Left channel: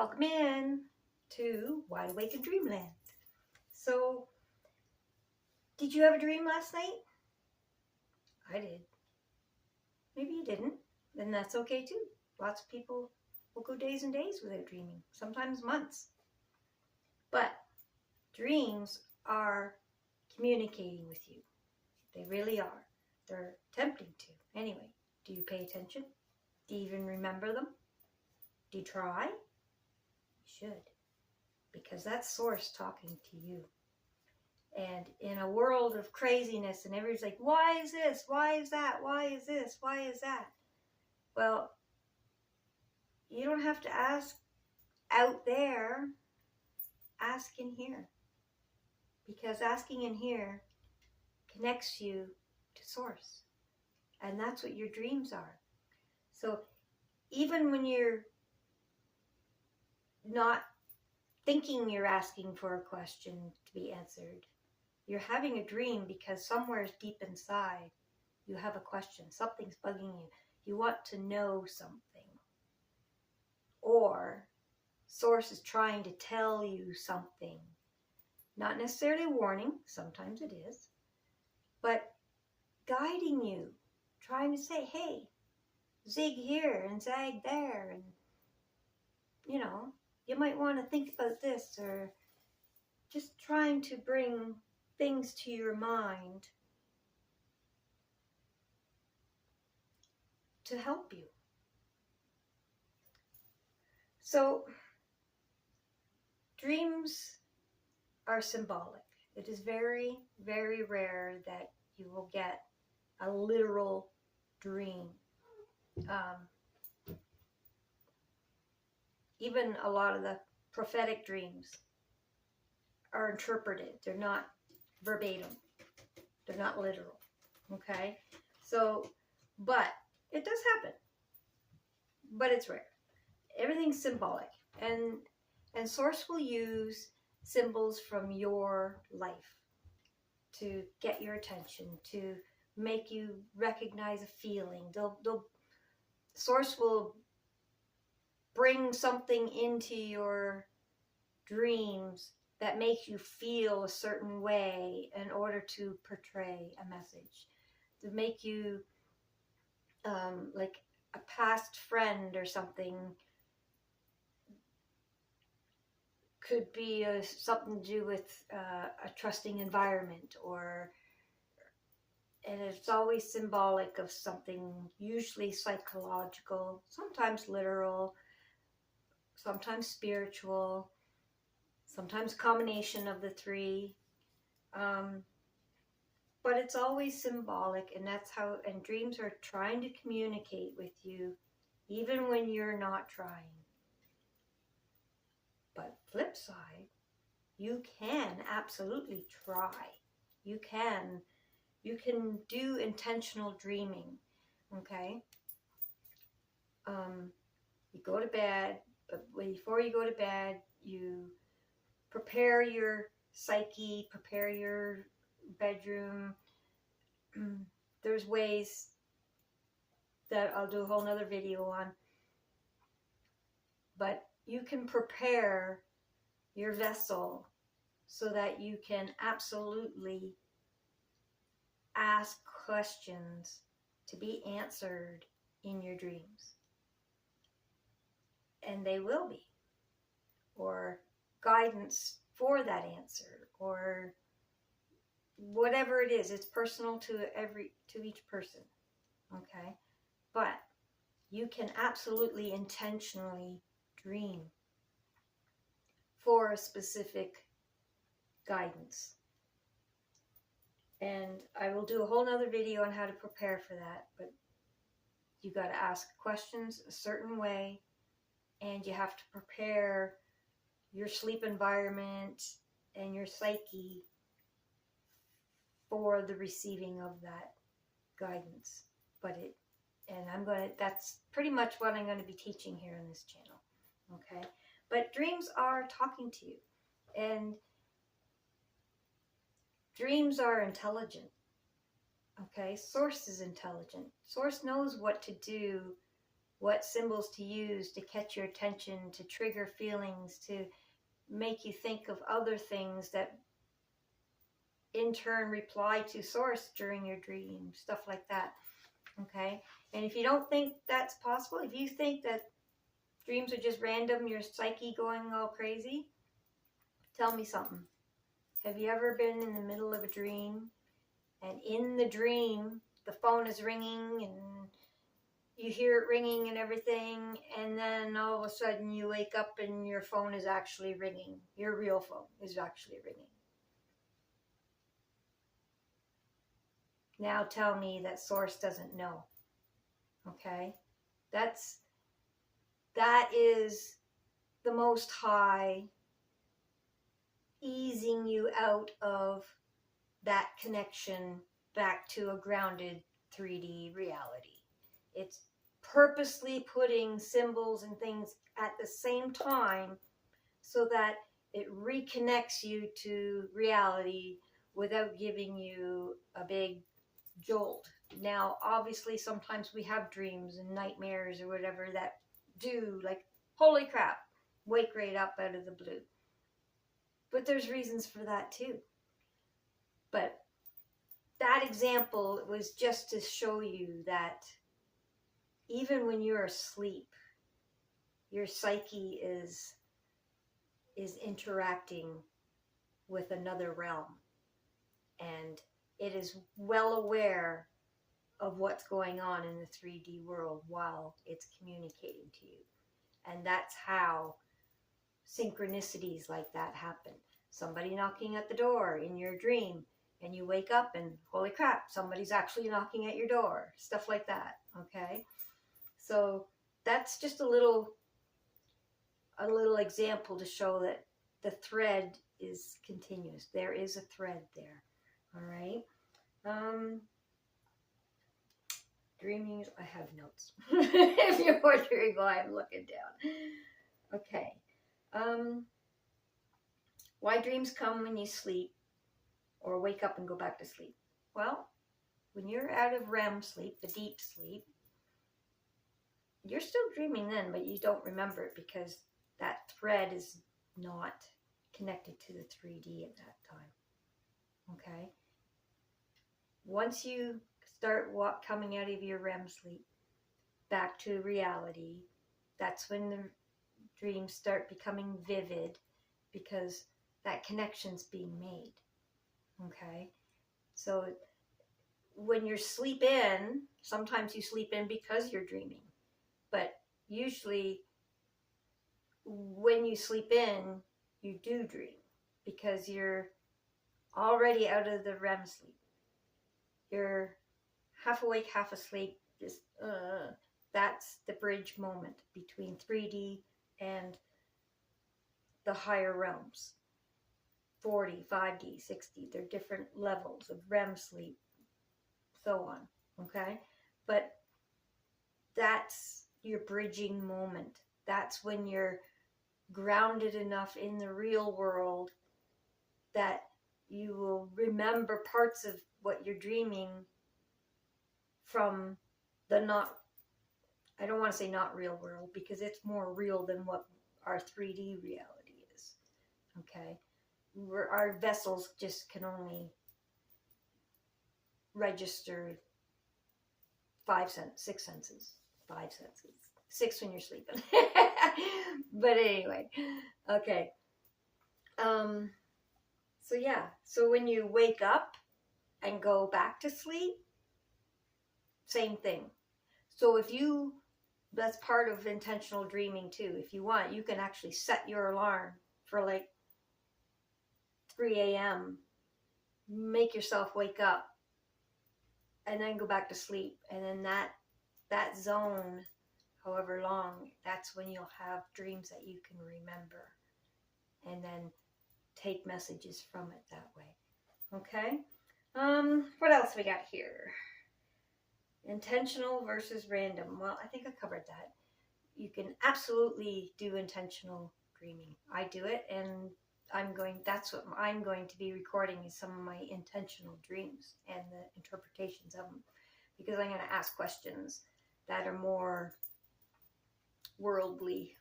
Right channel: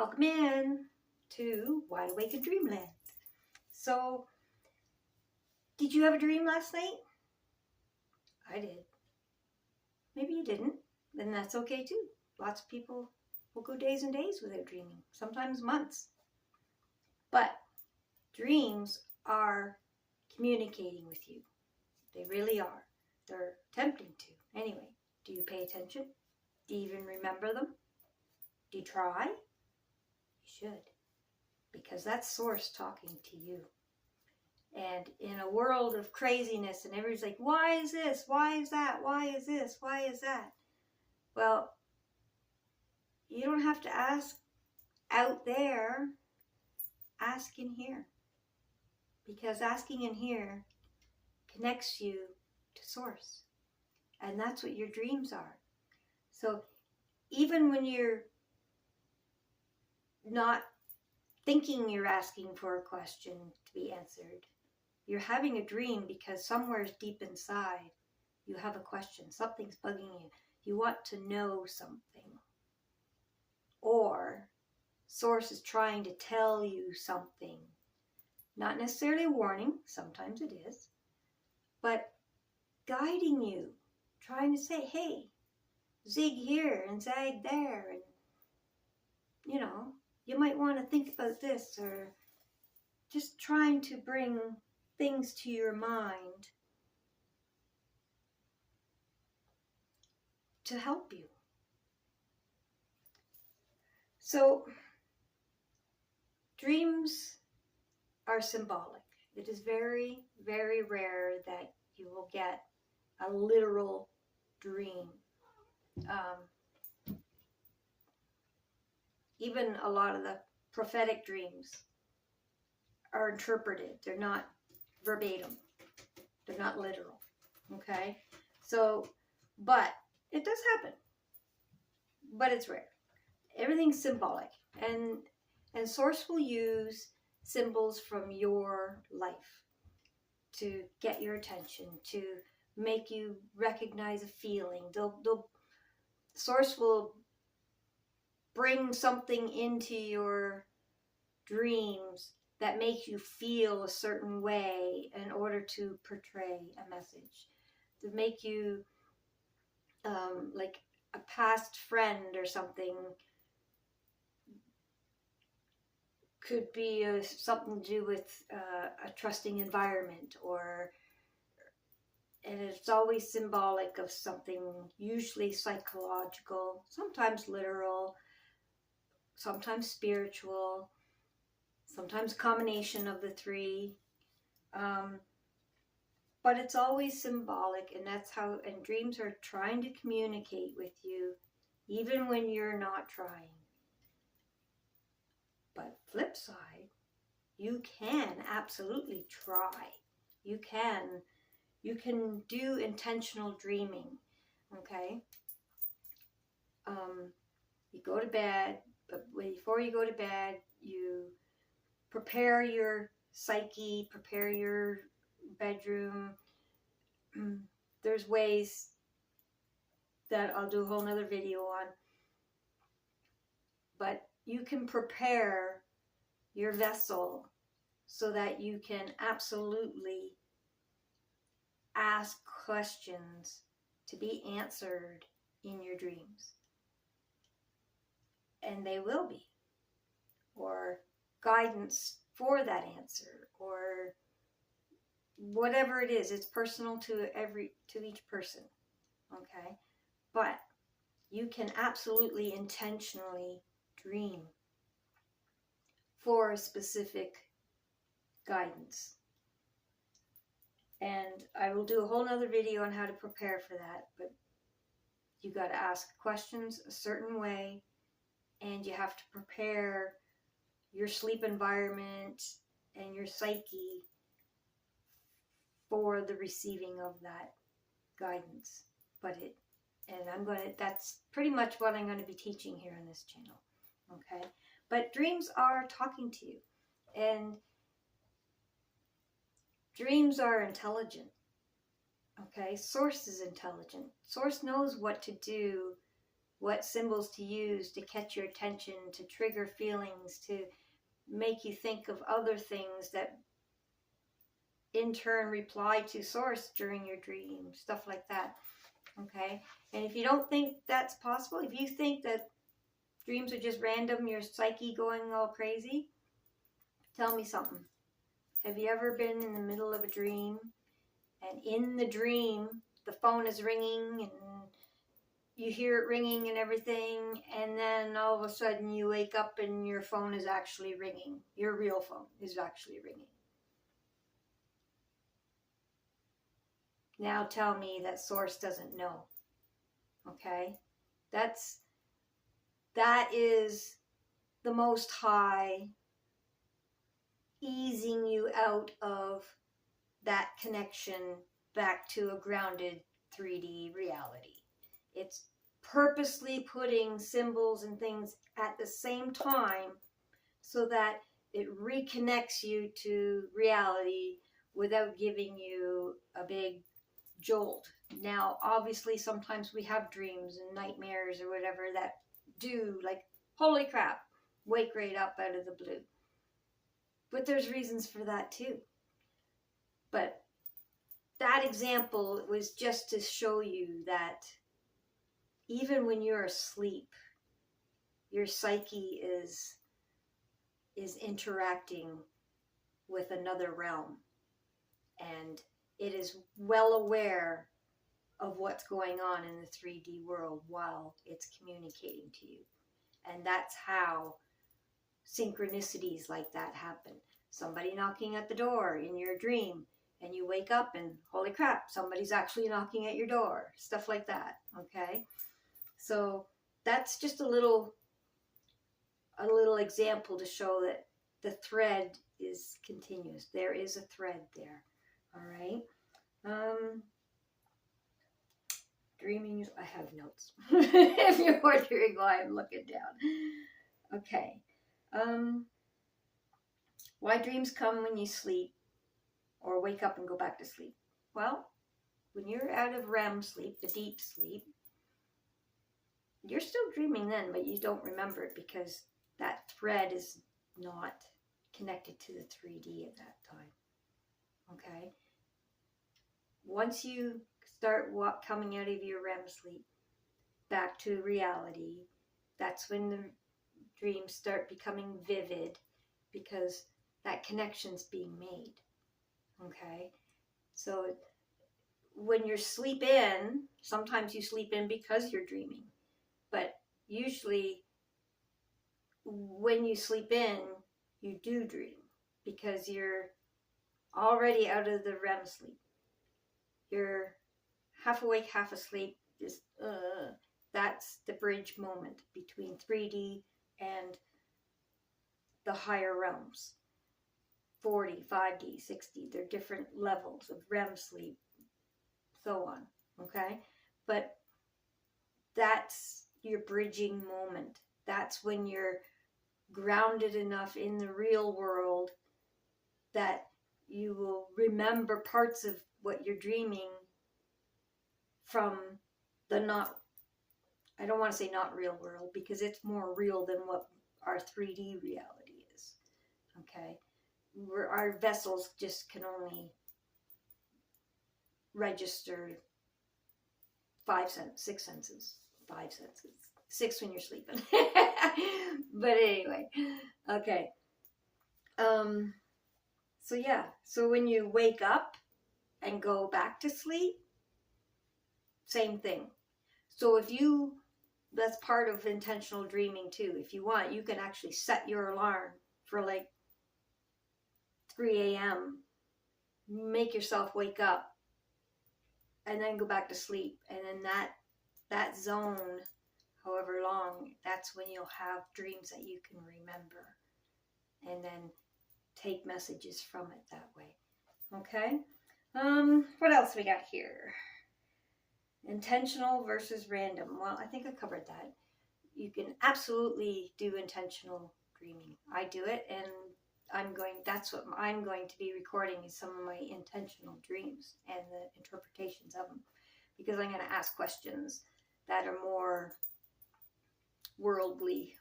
Welcome in to Wide Awake in Dreamland. So, did you have a dream last night? I did. Maybe you didn't, then that's okay too. Lots of people will go days and days without dreaming, sometimes months. But dreams are communicating with you. They really are. They're attempting to. Anyway, do you pay attention? Do you even remember them? Do you try? You should, because that's Source talking to you. And in a world of craziness and everybody's like, why is this? Why is that? Why is this? Why is that? Well, you don't have to ask out there. Ask in here. Because asking in here connects you to Source. And that's what your dreams are. So even when you're not thinking you're asking for a question to be answered, you're having a dream because somewhere deep inside you have a question. Something's bugging you. You want to know something. Or Source is trying to tell you something. Not necessarily a warning, sometimes it is, but guiding you, trying to say, hey, zig here and zag there, and you might want to think about this, or just trying to bring things to your mind to help you. So, dreams are symbolic. It is very, very rare that you will get a literal dream. Even a lot of the prophetic dreams are interpreted. They're not verbatim. They're not literal. Okay? So, but it does happen. But it's rare. Everything's symbolic. And Source will use symbols from your life to get your attention, to make you recognize a feeling. Source will bring something into your dreams that makes you feel a certain way in order to portray a message, to make you like a past friend or something. Could be something to do with a trusting environment, and it's always symbolic of something, usually psychological, sometimes literal, sometimes spiritual, sometimes a combination of the three. But it's always symbolic, and that's how, and dreams are trying to communicate with you, even when you're not trying. But flip side, you can absolutely try. You can do intentional dreaming, okay? You go to bed, but before you go to bed, you prepare your psyche, prepare your bedroom. There's ways that I'll do a whole nother video on, but you can prepare your vessel so that you can absolutely ask questions to be answered in your dreams. And they will be. Or guidance for that answer, or whatever it is. It's personal to each person. Okay? But you can absolutely intentionally dream for a specific guidance. And I will do a whole nother video on how to prepare for that, but you got to ask questions a certain way, and you have to prepare your sleep environment and your psyche for the receiving of that guidance. That's pretty much what I'm going to be teaching here on this channel. Okay? But dreams are talking to you, and dreams are intelligent. Okay? Source is intelligent. Source knows what to do what symbols to use to catch your attention, to trigger feelings, to make you think of other things that in turn reply to source during your dream, stuff like that. Okay? And if you don't think that's possible, if you think that dreams are just random, your psyche going all crazy, tell me something. Have you ever been in the middle of a dream, and in the dream the phone is ringing and you hear it ringing and everything, and then all of a sudden you wake up and your phone is actually ringing. Your real phone is actually ringing. Now tell me that source doesn't know. Okay? That is the Most High easing you out of that connection back to a grounded 3D reality. It's purposely putting symbols and things at the same time so that it reconnects you to reality without giving you a big jolt. Now, obviously, sometimes we have dreams and nightmares or whatever that do, like, holy crap, wake right up out of the blue. But there's reasons for that too. But that example was just to show you that even when you're asleep, your psyche is interacting with another realm, and it is well aware of what's going on in the 3D world while it's communicating to you. And that's how synchronicities like that happen. Somebody knocking at the door in your dream, and you wake up and holy crap, somebody's actually knocking at your door. Stuff like that, okay? So that's just a little example to show that the thread is continuous. There is a thread there, all right? Dreaming, I have notes. If you're wondering why I'm looking down. Okay. Why dreams come when you sleep or wake up and go back to sleep? Well, when you're out of REM sleep, the deep sleep, you're still dreaming then, but you don't remember it because that thread is not connected to the 3D at that time. Okay? Once you start coming out of your REM sleep back to reality, that's when the dreams start becoming vivid because that connection's being made. Okay? So when you sleep in, sometimes you sleep in because you're dreaming. But usually when you sleep in, you do dream because you're already out of the REM sleep. You're half awake, half asleep. Just that's the bridge moment between 3D and the higher realms. 4D, 5D, 6D. They're different levels of REM sleep, so on. Okay? But that's your bridging moment. That's when you're grounded enough in the real world that you will remember parts of what you're dreaming from the I don't want to say not real world because it's more real than what our 3D reality is. Okay? Our vessels just can only register 6 senses. 5 senses. 6 when you're sleeping. But anyway, okay. So yeah, so when you wake up and go back to sleep, same thing. So that's part of intentional dreaming too. If you want, you can actually set your alarm for like 3 a.m. Make yourself wake up and then go back to sleep. And then that zone, however long, that's when you'll have dreams that you can remember. And then take messages from it that way. Okay? What else we got here? Intentional versus random. Well, I think I covered that. You can absolutely do intentional dreaming. I do it, and that's what I'm going to be recording is some of my intentional dreams and the interpretations of them. Because I'm going to ask questions that are more worldly,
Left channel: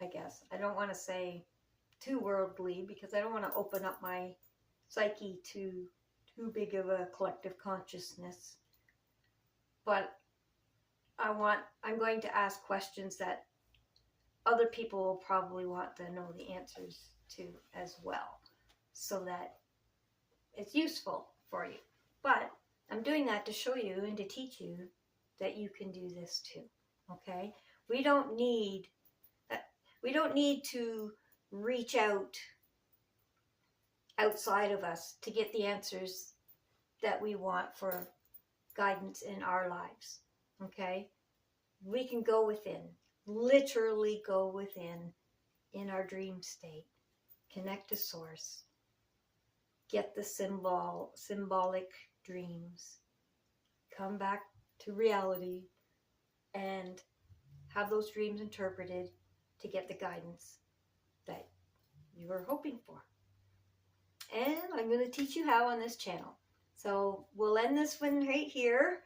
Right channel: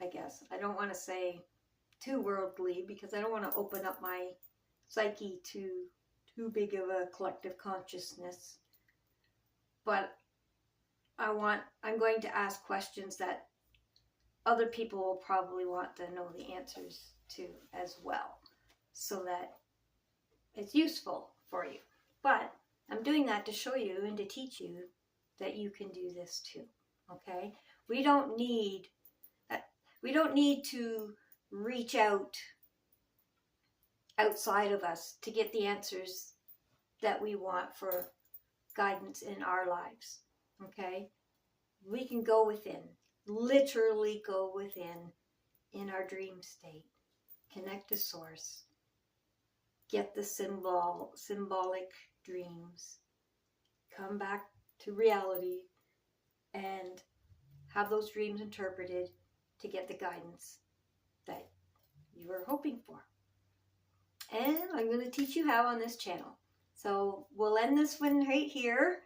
I guess. I don't want to say too worldly because I don't want to open up my psyche to too big of a collective consciousness. But I'm going to ask questions that other people will probably want to know the answers to as well, so that it's useful for you. But I'm doing that to show you and to teach you that you can do this too. Okay? We don't need to reach outside of us to get the answers that we want for guidance in our lives. Okay? We can go within, literally go within in our dream state, connect to source, get the symbolic dreams, come back to reality, and have those dreams interpreted to get the guidance that you are hoping for. And I'm going to teach you how on this channel. So we'll end this one right here.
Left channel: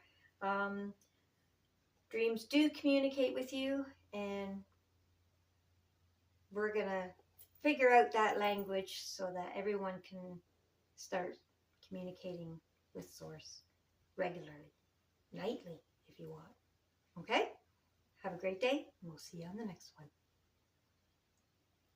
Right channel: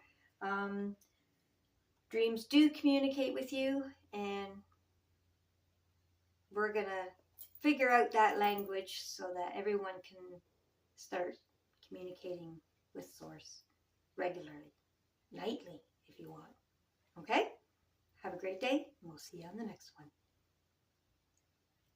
Dreams do communicate with you, and we're going to figure out that language so that everyone can start communicating with Source regularly, nightly if you want. Okay? Have a great day, and we'll see you on the next one.